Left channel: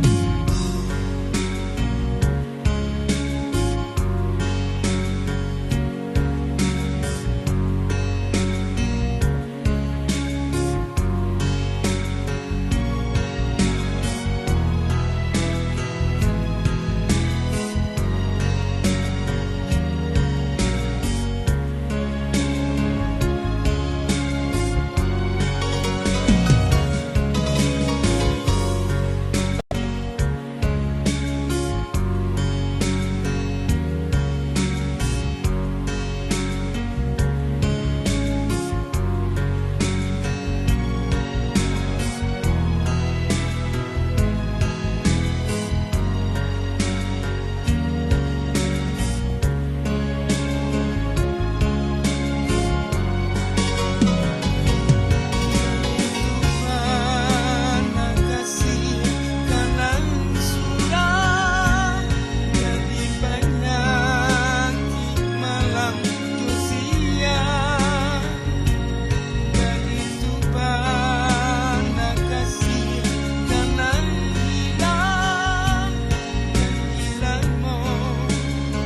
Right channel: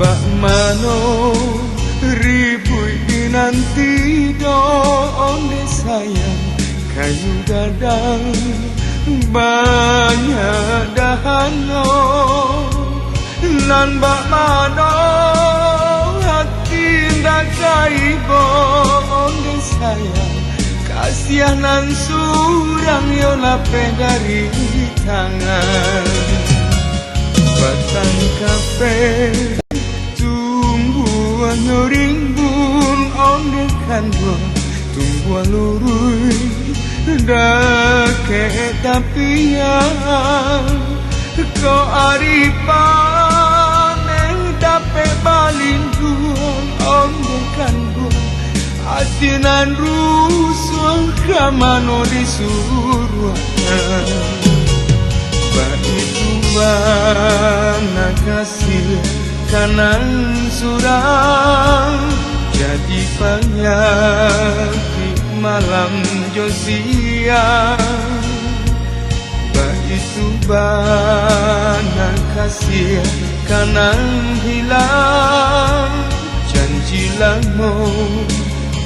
Bak mano ribui dinanti do onde sayang kayu gadang banyak dahannya nan bak mano hati ndak kaibo onde sayang kasihanan surang yo lape dari tangan batang kafe rimbun onde kanwa tumbuh lurui dake tapian ko aripan dape balingkuan onde kanwa asinan rusuh kamano disuruhan bagi bana kasih kanan surang jadi penyakit malam josia begitu banyak kasih kanan hilang janji lama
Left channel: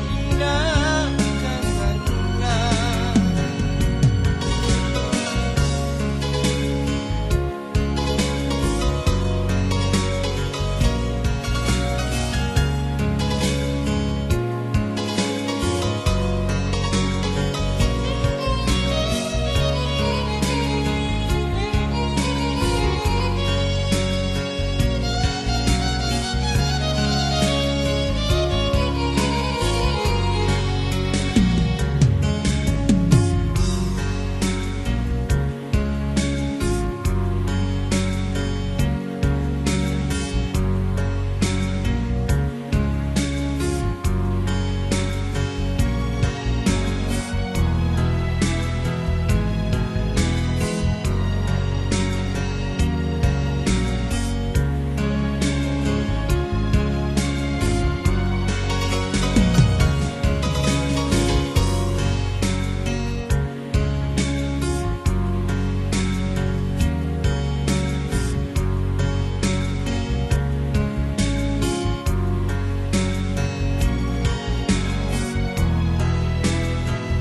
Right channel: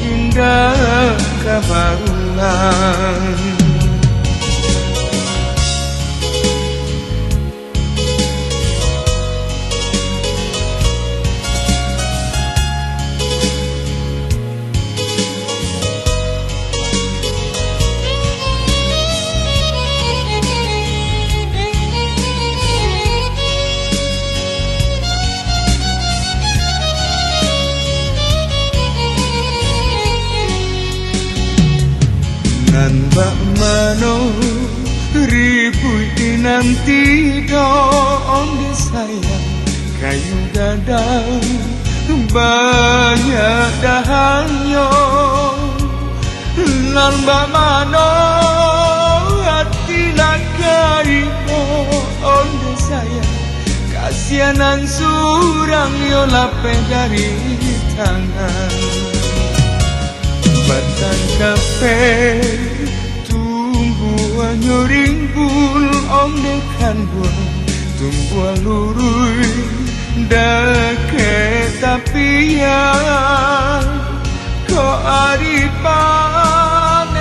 indah kabarulan nan bak mano ribui dinanti do onde sayang kayu gadang banyak dahannya nan bak mano hati nak kaibo onde sayang kasihanan surang yo lape dari tangan batang kafe tumbuh rimbun onde kanwa tumbuh lurui dake tapian ko aripan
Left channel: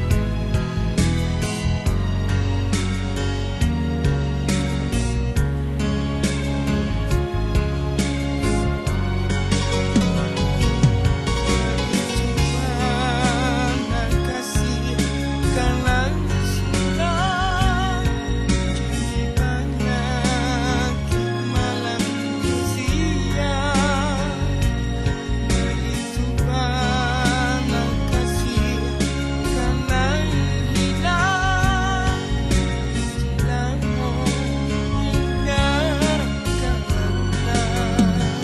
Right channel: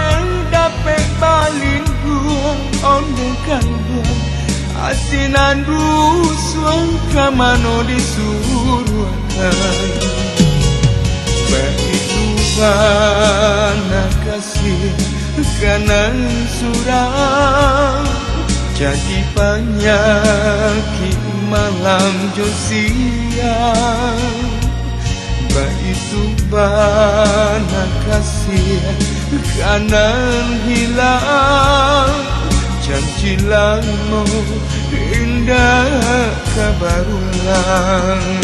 dape balingkuan onde kanwa asinan rusuh kamano disuruhkan bana kasih kanan surang jadi penyakit malam josia begitu bana kasih kanan hilang janji lama indah kabarulan